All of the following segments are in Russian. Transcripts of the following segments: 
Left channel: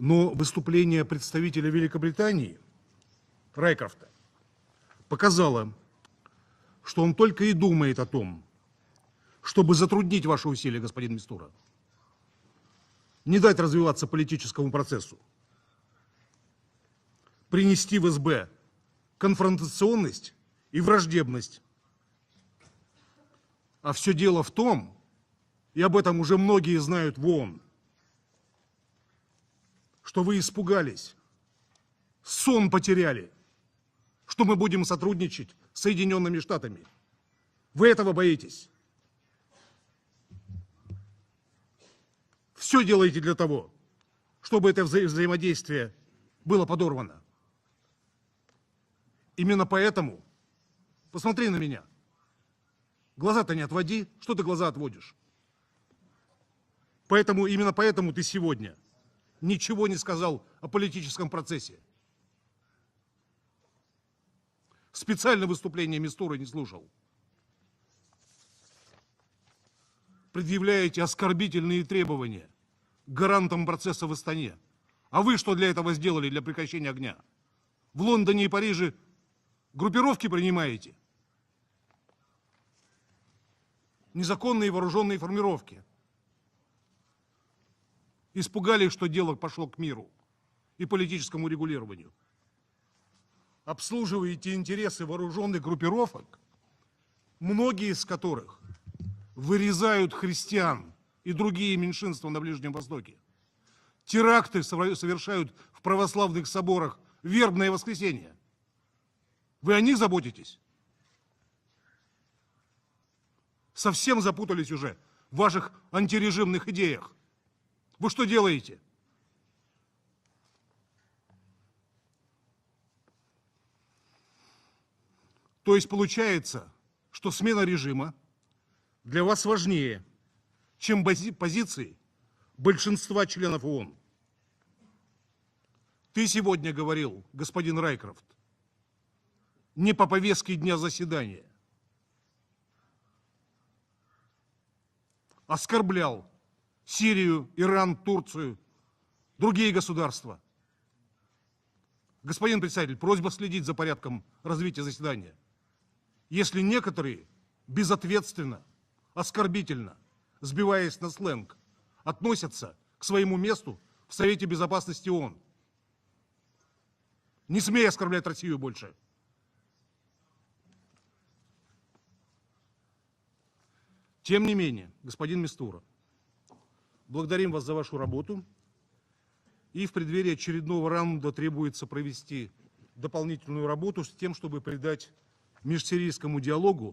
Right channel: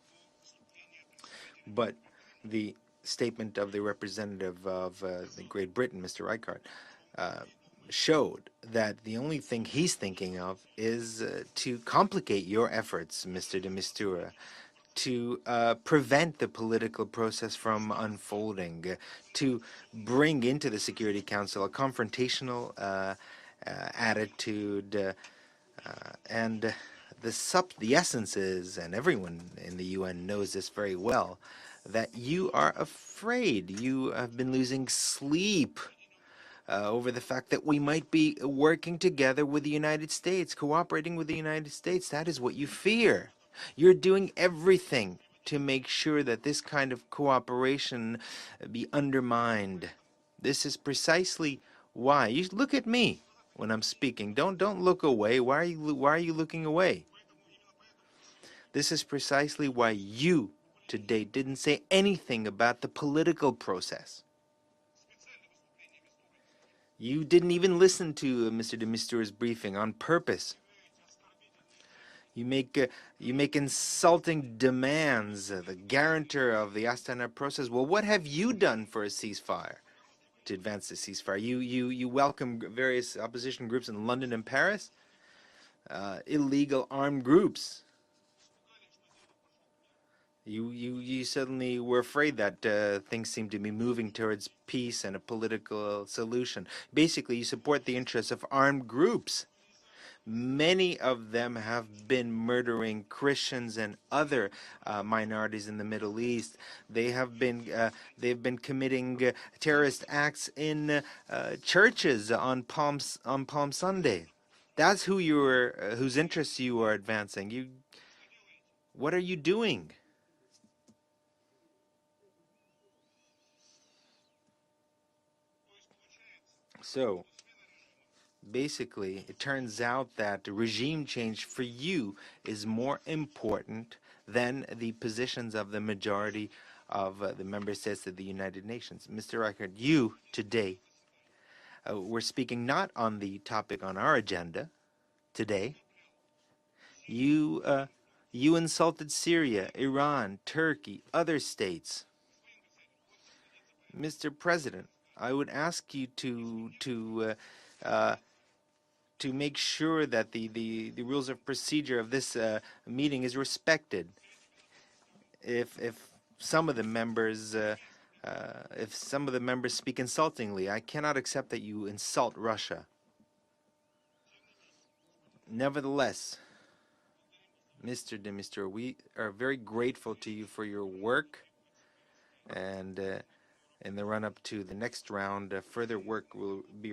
Но выступление представителя Великобритании показало, что он только и думает о том, чтобы затруднить ваши усилия, господин Мистура, не дать развиваться политическому процессу, принести в СБ конфронтационность и враждебность. А все дело в том, и об этом уже многие знают в ООН, что вы испугались, сон потеряли, что мы будем сотрудничать с Соединенными Штатами. Вы этого боитесь. Все делаете для того, чтобы это взаимодействие было подорвано. Именно поэтому посмотри на меня. Глаза-то не отводи. Что ты глаза отводишь? Поэтому, именно поэтому ты сегодня ничего не сказал о политическом процессе. Специально выступление Мистуры не слушал. Предъявляете оскорбительные требования гарантам процесса в Астане. А вы что для этого сделали, для прекращения огня? В Лондоне и Париже группировки принимаете. Незаконные вооруженные формировки. Испугались, что дело пошло к миру и политическому регулированию. Обслуживаете интересы вооруженных группировок, многие из которых вырезают христиан и другие меньшинства на Ближнем Востоке. Теракты совершают в православных соборах, вербное воскресенье. Вы о них заботитесь? Совсем запутались уже в ваших антирежимных идеях. Вы что делаете? То есть получается, что смена режима для вас важнее, чем позиции большинства членов ООН. Ты сегодня говорил, господин Райкер, не по повестке дня заседания, оскорблял Сирию, Иран, Турцию, другие государства. Господин председатель, просьба следить за порядком развития заседания. Если некоторые безответственно, оскорбительно, сбиваясь на сленг, относятся к своему месту в Совете Безопасности ООН, не смей оскорблять Россию больше. Тем не менее, господин Мистура, благодарим вас за вашу работу. И в преддверии очередного раунда требуется провести дополнительную работу с тем, чтобы придать межсирийскому диалогу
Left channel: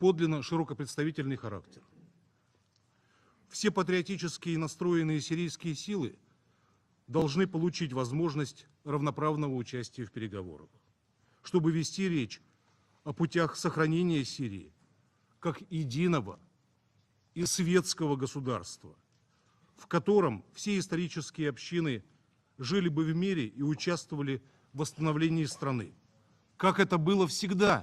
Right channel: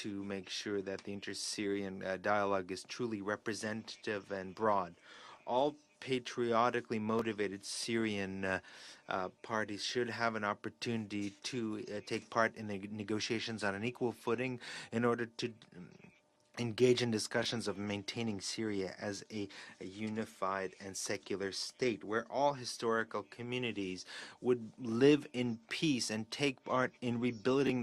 подлинно широкопредставительный характер. Все патриотически настроенные сирийские силы должны получить возможность равноправного участия в переговорах, чтобы вести речь о путях сохранения Сирии как единого и светского государства, в котором все исторические общины жили бы в мире и участвовали в восстановлении страны, как это было всегда.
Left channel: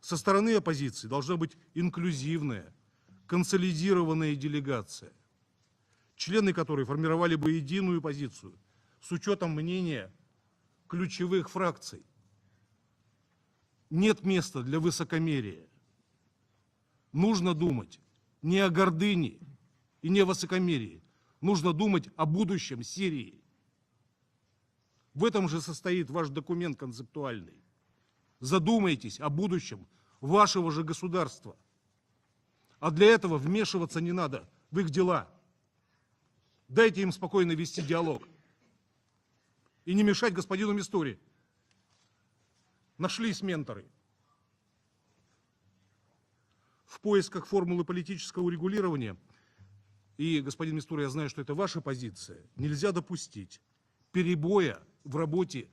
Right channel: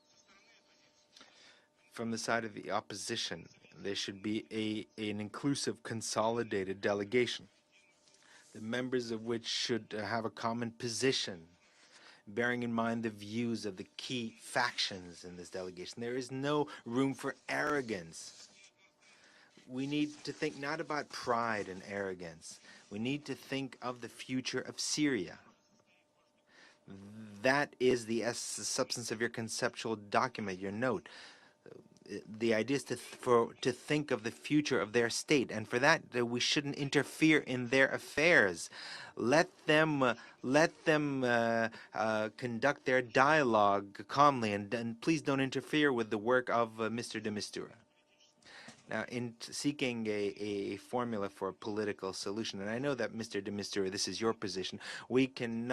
Со стороны оппозиции должна быть инклюзивная, консолидированная делегация, члены которой формировали бы единую позицию с учетом мнения ключевых фракций. Нет места для высокомерия. Нужно думать не о гордыне и не о высокомерии. Нужно думать о будущем Сирии. В этом же состоит ваш документ концептуальный. Задумайтесь о будущем вашего же государства. А для этого вмешиваться не надо в их дела. Дайте им спокойно вести диалог. И не мешать господину Мистуре. Нашлись в поисках формулы политического регулирования. И, господин Мистура, я знаю, что это ваша позиция. Нельзя допустить перебоя в работе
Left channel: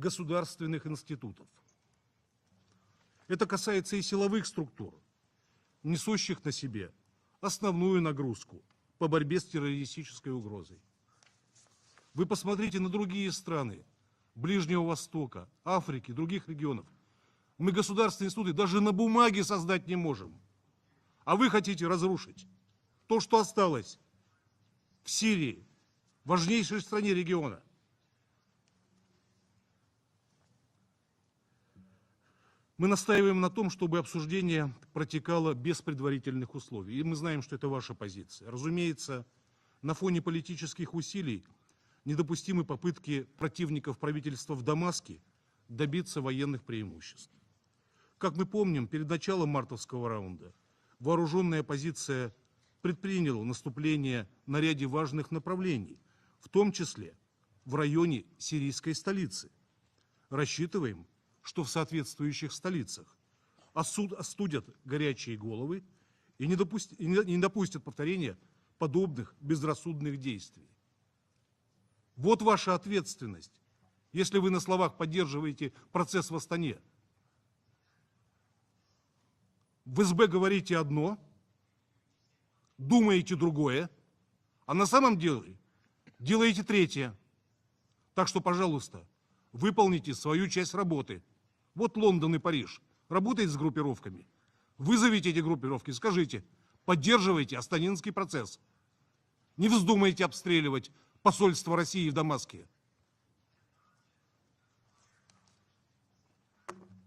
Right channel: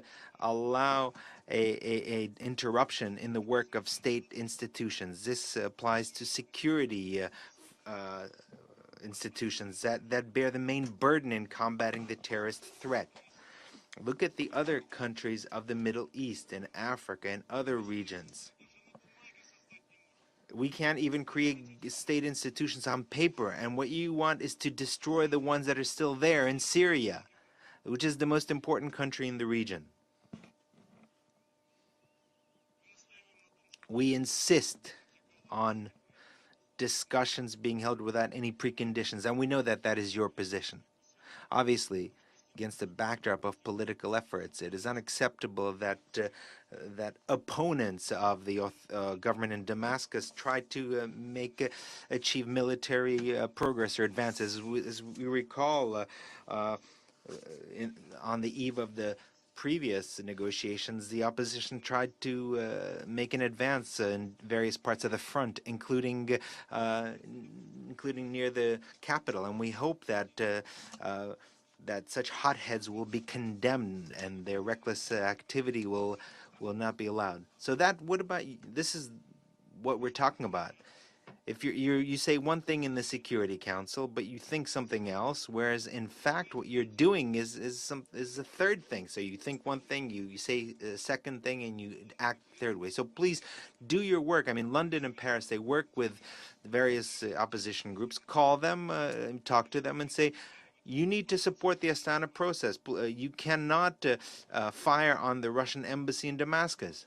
государственных институтов. Это касается и силовых структур, несущих на себе основную нагрузку. по борьбе с institutions that террористической bear the угрозой. main burden in combating the Вы terrorist посмотрите на threat. другие страны Look at the Ближнего other Востока, countries of the Middle Африки, других East and регионов. Africa and Мы other государственные regions. институты даже на бумаге создать не можем. We can't even А вы create хотите state разрушить institutions on то, что paper, and what осталось you want is to в destroy the Сирии, ones that are still there in важнейшей стране Syria, региона. which is the most important country in the region. Мы настаиваем на том, чтобы We обсуждение insist протекало on без предварительных условий. И мы знаем, Discussions что это being ваша held without позиция. any Разумеется, preconditions, and we know that на that is фоне your position. политических усилий Obviously, недопустимы against the попытки backdrop of противников political правительства efforts, в it is Дамаске unacceptable добиться that военных that преимуществ. opponents Как of мы the помним, перед началом government in мартовского Damascus раунда tried to вооруженная make оппозиция achieve military предприняла progress or наступление advances. на ряде As важных we направлений, recall, в том числе в районе on the eve сирийской of the столицы. previous Рассчитываем, negotiations, the что в opposition tried соответствующих to столицах make an advance in остудят various parts of the горячие front, головы including и не допустят including повторения near the подобных capital. And we hope безрассудных действий. that such Вот ваша hotheads will be ответственность, condemned если and вы на their словах reckless поддерживаете activity процесс в will Астане. not be allowed. So that, what about, this is what В we're СБ talking about. говорите одно, If you say one thing in the думаете Security другое, Council, but you think а на something самом else, деле whereas in fact делаете what you're третье. doing is Так что, the third пожалуйста, thing. So you think one thing, выполните you свою say часть the работы. second thing, and Вот you Лондон и act the Париж third way. So please работают с do your группировками. work. I mean, London and Вызовите эти Paris, they группировки, work with скажите, various поддерживайте opposition астанинский groups. Call процесс. them, talk Не to them and вздумайте say, обстреливать you need to посольство support the России в Astana Дамаске. process. You cannot fire on the Russian embassy in Damascus.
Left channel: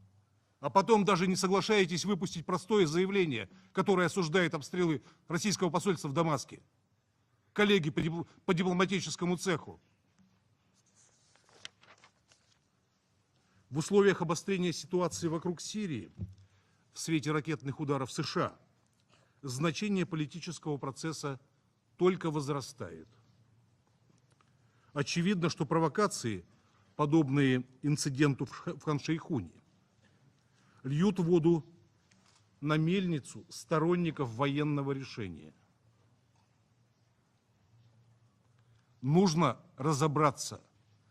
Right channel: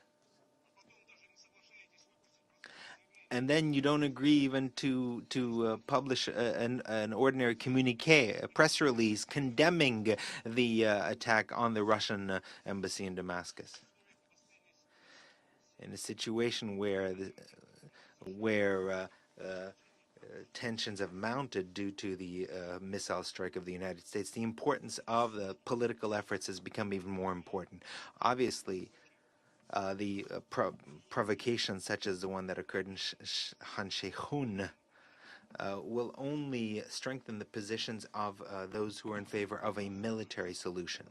А потом даже не соглашаетесь выпустить простое заявление, And then you которое don't agree осуждает even обстрелы российского to посольства в publish Дамаске. an ordinary Коллеги communique, a по press release дипломатическому цеху. condemning the attack on the Russian embassy in Damascus. В условиях обострения ситуации вокруг In a Сирии, situation в свете ракетных ударов США, where значение политического tensions have процесса mounted due to только the возрастает. missile strike of the United States, the importance Очевидно, of что political провокации, efforts has become even more подобные important. инциденту Obviously, в Хан-Шейхуне, the льют воду provocations such as the one that на occurred in мельницу сторонников Han Sheikhun, военного решения. will only strengthen the positions of those who are in Нужно favor of a military разобраться, solution.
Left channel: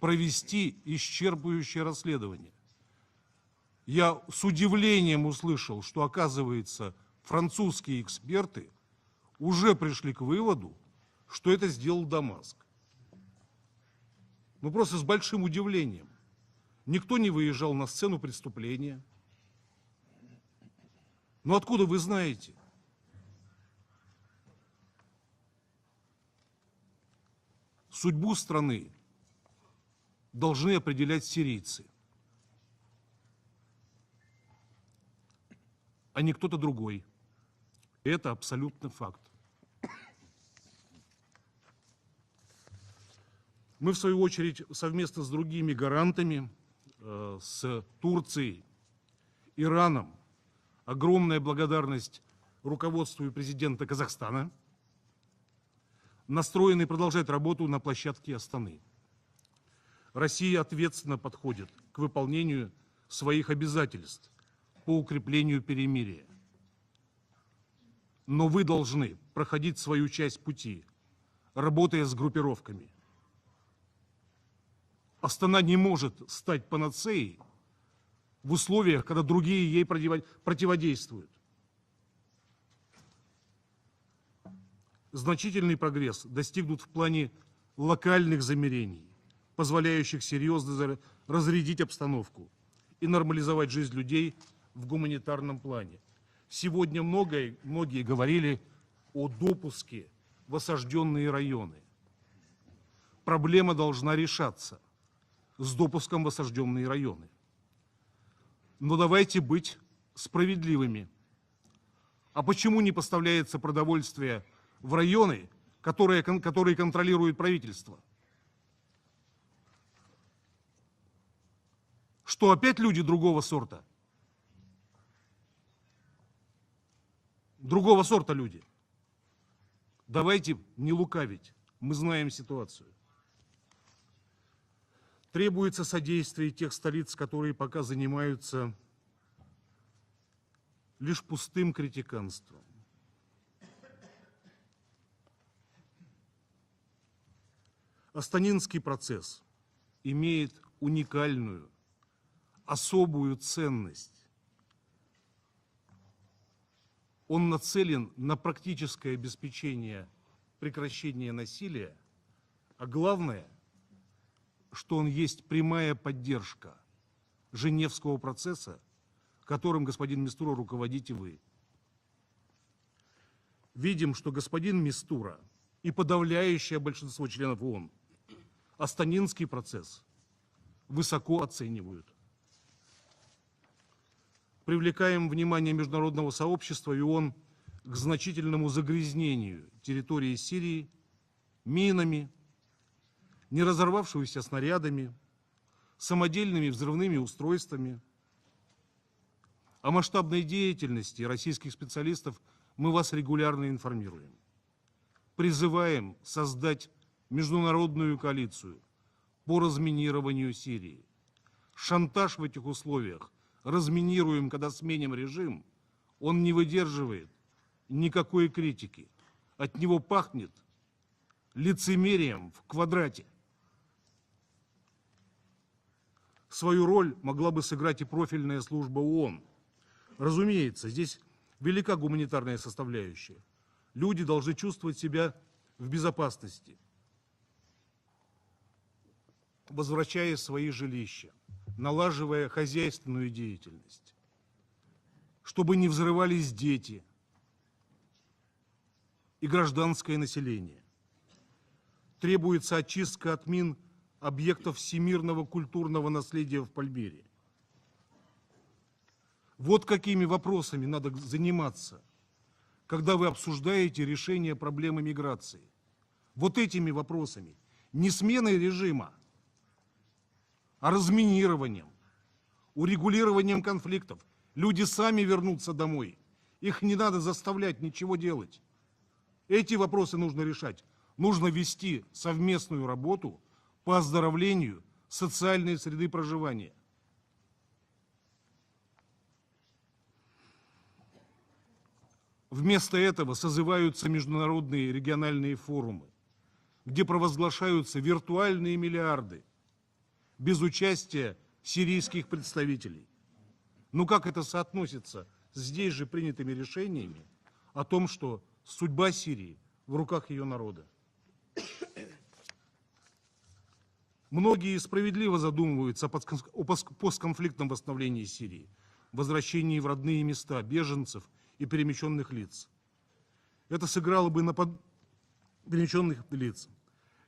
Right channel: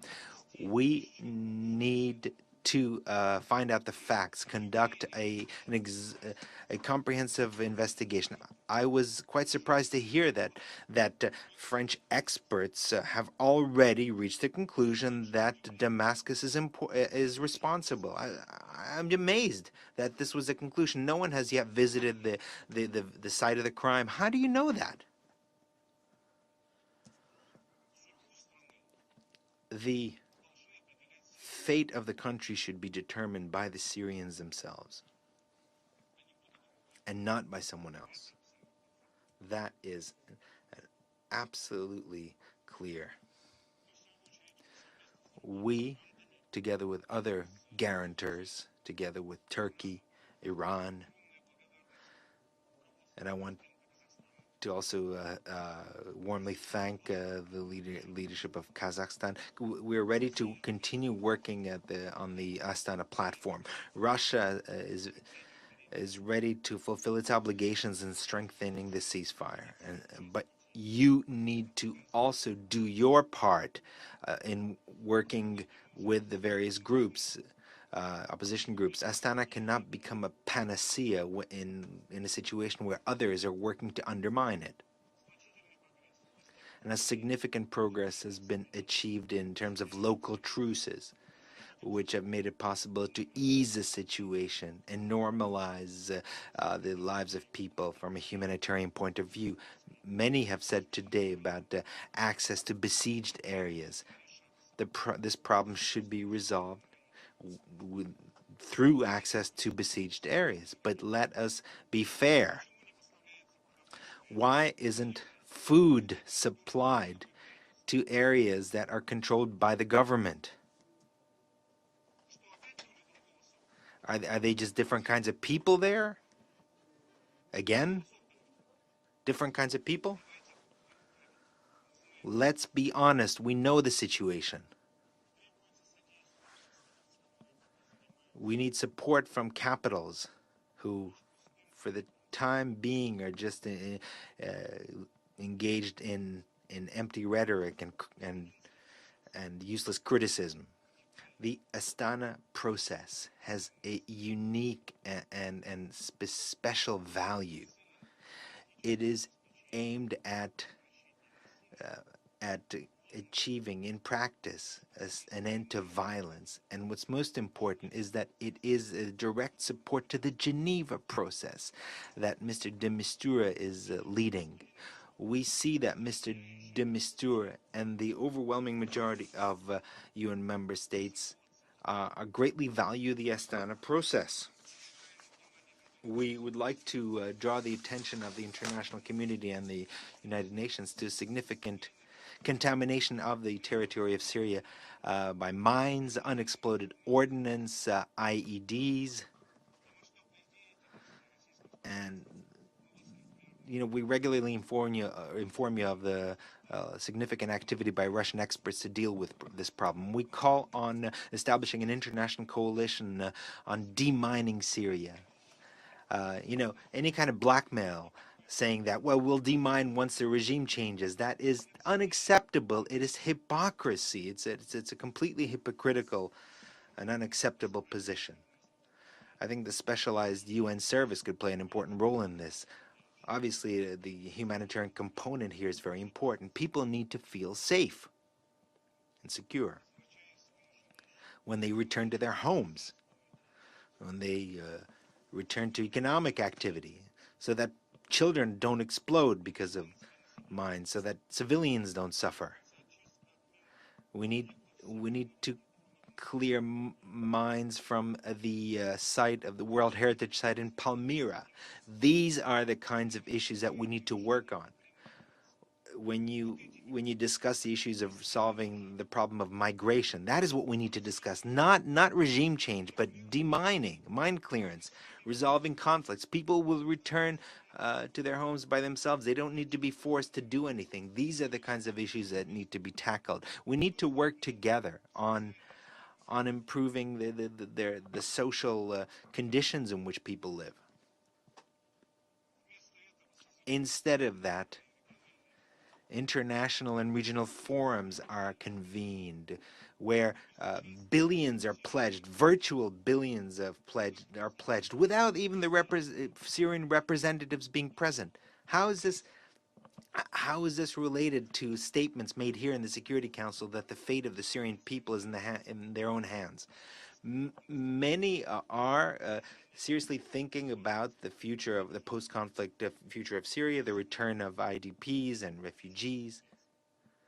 провести We исчерпывающее need расследование. to find out the Я facts, с удивлением conduct услышал, что, a оказывается, comprehensive французские investigation. эксперты I was quite уже surprised to пришли к hear выводу, that что это French сделал Дамаск. experts have already reached the Мы просто с conclusion большим that удивлением. Damascus is Никто не выезжал на сцену responsible. преступления. I'm amazed that this was a conclusion. No one has Но yet откуда вы visited знаете? the site of the crime. How do you know that? Судьбу страны The должны определять сирийцы, fate of the country should be determined by the Syrians themselves а не кто-то другой. and not by someone else. Это абсолютно факт. That is absolutely clear. Мы, в свою очередь, совместно с другими We, гарантами, together with other с guarantors, Турцией, together with Turkey, Ираном, Iran, огромная благодарность руководству And и I want президента Казахстана, to also warmly настроены thank продолжать работу на the площадке leadership of Астаны. Kazakhstan. We're ready Россия to continue ответственно working подходит at к on the выполнению Astana своих platform. обязательств Russia по укреплению is перемирия. ready to fulfill its obligations and Но вы strengthening the должны ceasefire. проходить свою часть But пути, you need работая to с also группировками. do your part in working Астана не может with the стать various панацеей groups. в условиях, когда другие ей противодействуют. In a situation where others are working to undermine it. Значительный прогресс достигнут в And a плане significant progress локальных has been замерений, achieved in terms of позволяющих local серьезно truces, разрядить which have обстановку made it possible и to нормализовать ease the жизнь людей situation в and гуманитарном плане. normalize the Сегодня lives of people многие from a говорили humanitarian point о of view. допуске Many в have said осажденные today районы. about access to besieged Проблема areas. должна решаться This с problem should допуском в be осажденные resolved районы. Through давайте access быть to besieged areas, справедливыми. but let us be А fair. почему не поставляется продовольствие Why в isn't районы, food которые supplied контролирует правительство? to areas that are controlled by the government? Что опять люди другого сорта? Are they just different kinds of people there? Again, Другого сорта люди. different kinds of people? Давайте не лукавить. Мы знаем Let's ситуацию. be honest. We know the situation. Требуется содействие тех столиц, которые пока занимаются We need support from capitals who, лишь пустым for the критиканством. time being, are just engaged in in empty rhetoric Астанинский процесс and useless имеет criticism. The уникальную, Astana process особую has a ценность. unique and special Он value. нацелен на It практическое is обеспечение aimed at прекращения насилия, at а главное, achieving in practice что он есть an end to прямая violence. поддержка And what's most important is Женевского that it процесса, is a direct которым support to господин the Мистура Geneva руководитель. process that Mr. de Mistura is Видим, что leading. господин Мистура We see и that Mr. подавляющее de большинство Mistura членов ООН and the overwhelming majority Астанинский of процесс UN member states высоко оценивают. greatly value the Astana process. Привлекаем внимание международного We would like сообщества и to ООН draw the к attention of the значительному international community загрязнению and the территории United Сирии Nations to significant минами, contamination of the не territory of разорвавшимися Syria снарядами, by mines, самодельными unexploded взрывными ordnance, устройствами. IEDs. О масштабной деятельности российских специалистов мы вас регулярно We информируем. regularly inform you Призываем of the создать significant activity by международную Russian коалицию experts to deal with по this problem. We разминированию call Сирии. on establishing an Шантаж в international этих coalition условиях, on разминируем, demining когда сменим Syria. режим, он не Any выдерживает kind of blackmail никакой saying критики. that, well, we'll От demine него once the пахнет regime changes. That is лицемерием в unacceptable. It is квадрате. hypocrisy. It's a completely hypocritical. Свою роль an могла бы unacceptable сыграть и position. профильная служба ООН. I think the specialized UN Разумеется, service здесь could play an велика important role in гуманитарная this. составляющая. Obviously, the Люди должны humanitarian чувствовать себя component here is в very important. безопасности. People need to feel safe and secure Возвращая свои жилища, when they return to their налаживая homes, хозяйственную деятельность, when they return чтобы to не economic взрывались activity, дети so that children don't explode и because of гражданское население. mines, so that civilians don't suffer. Требуется очистка от мин We need объектов всемирного to культурного наследия clear в Пальмире. mines from the site of the Вот World какими Heritage Site in вопросами надо Palmyra. заниматься, These are the kinds когда вы of issues that we обсуждаете need to решение work on. проблемы миграции. When Вот этими you вопросами, discuss the issues не of сменой solving the режима, problem of migration, that is what we need а to discuss. разминированием, Not regime change, but урегулированием demining, конфликтов. mine Люди clearance, сами вернутся resolving домой. conflicts. People will Их не надо return заставлять ничего to their делать. homes by themselves. They don't need Эти to be вопросы forced нужно to do решать. anything. These Нужно are the kinds of вести issues that need to совместную be работу tackled. We need по to work оздоровлению together on социальной среды on проживания. improving the social conditions in which people live. Вместо этого созываются Instead of that, международные региональные форумы, International где and regional провозглашаются forums are виртуальные миллиарды, convened, where без участия billions are сирийских pledged, virtual представителей. billions of Ну pledged, как это are pledged, соотносится without even the здесь же принятыми Syrian решениями representatives о being том, present? что How is судьба this Сирии в руках ее How is народа? this related to statements made here in the Security Council that the fate of the Многие Syrian people is справедливо in задумываются their о own hands? постконфликтном восстановлении Many Сирии, are возвращении в родные seriously места thinking about беженцев the и future of the перемещенных лиц, post-conflict future of Syria, Это the сыграло бы return на of IDPs and перемещенных refugees. лиц.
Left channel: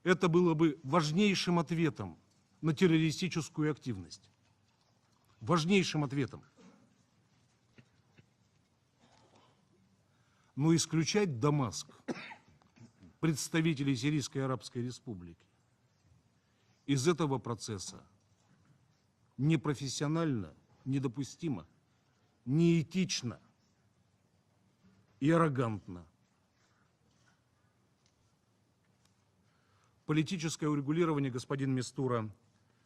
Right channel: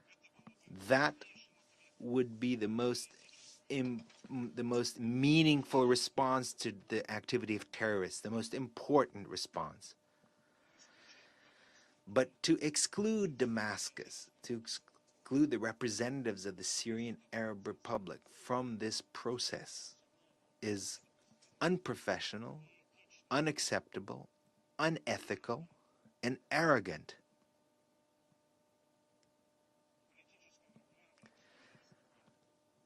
Это было бы важнейшим ответом Would be the на террористическую активность. the most meaningful Важнейшим ответом. response to the activity of terrorists, the most important response. Но исключать Дамаск, But to exclude представителей Damascus, Сирийской to Арабской Республики, exclude the representatives of the из Syrian этого Arab процесса Republic from this process непрофессионально, is недопустимо, unprofessional, неэтично unacceptable, и unethical, аррогантно. and arrogant. Политическое урегулирование, господин Мистура,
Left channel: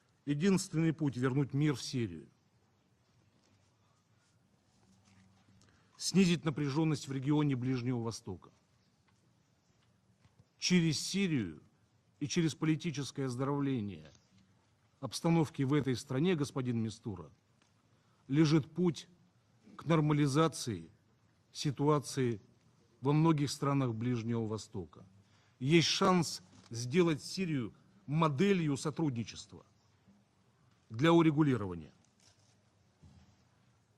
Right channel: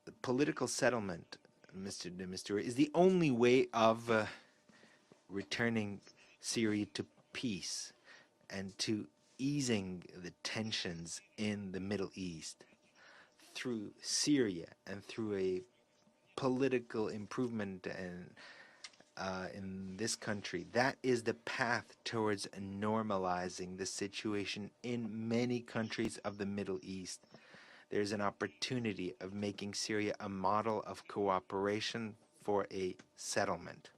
The political единственный путь settlement, вернуть мир в Mr. Сирию, de Mistura, is the only way of returning снизить Syria напряженность to в регионе peace Ближнего Востока and to easing the через tensions Сирию in the Middle и через East политическое through оздоровление Syria and through обстановки в этой стране, господин political Мистура, improvement and лежит путь in к this country. нормализации That is the path ситуации towards во многих normalizing the странах Ближнего situation Востока. in many Есть countries of шанс the Middle сделать East. Сирию There's an моделью opportunity of сотрудничества making Syria a model of для урегулирования. cooperation for a settlement.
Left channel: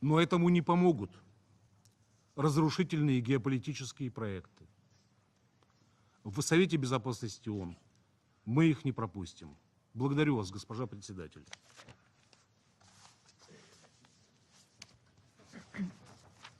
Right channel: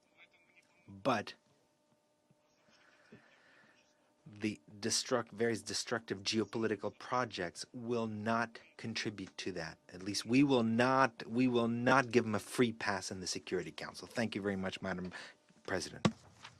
Но этому не помогут But разрушительные геополитические проекты. the various destructive В Совете geopolitical Безопасности projects ООН will not мы их не contribute пропустим. to that. At least Благодарю we вас, will госпожа not председатель. we will not give them a free pass in the Security Council. Thank you very much, Madam President.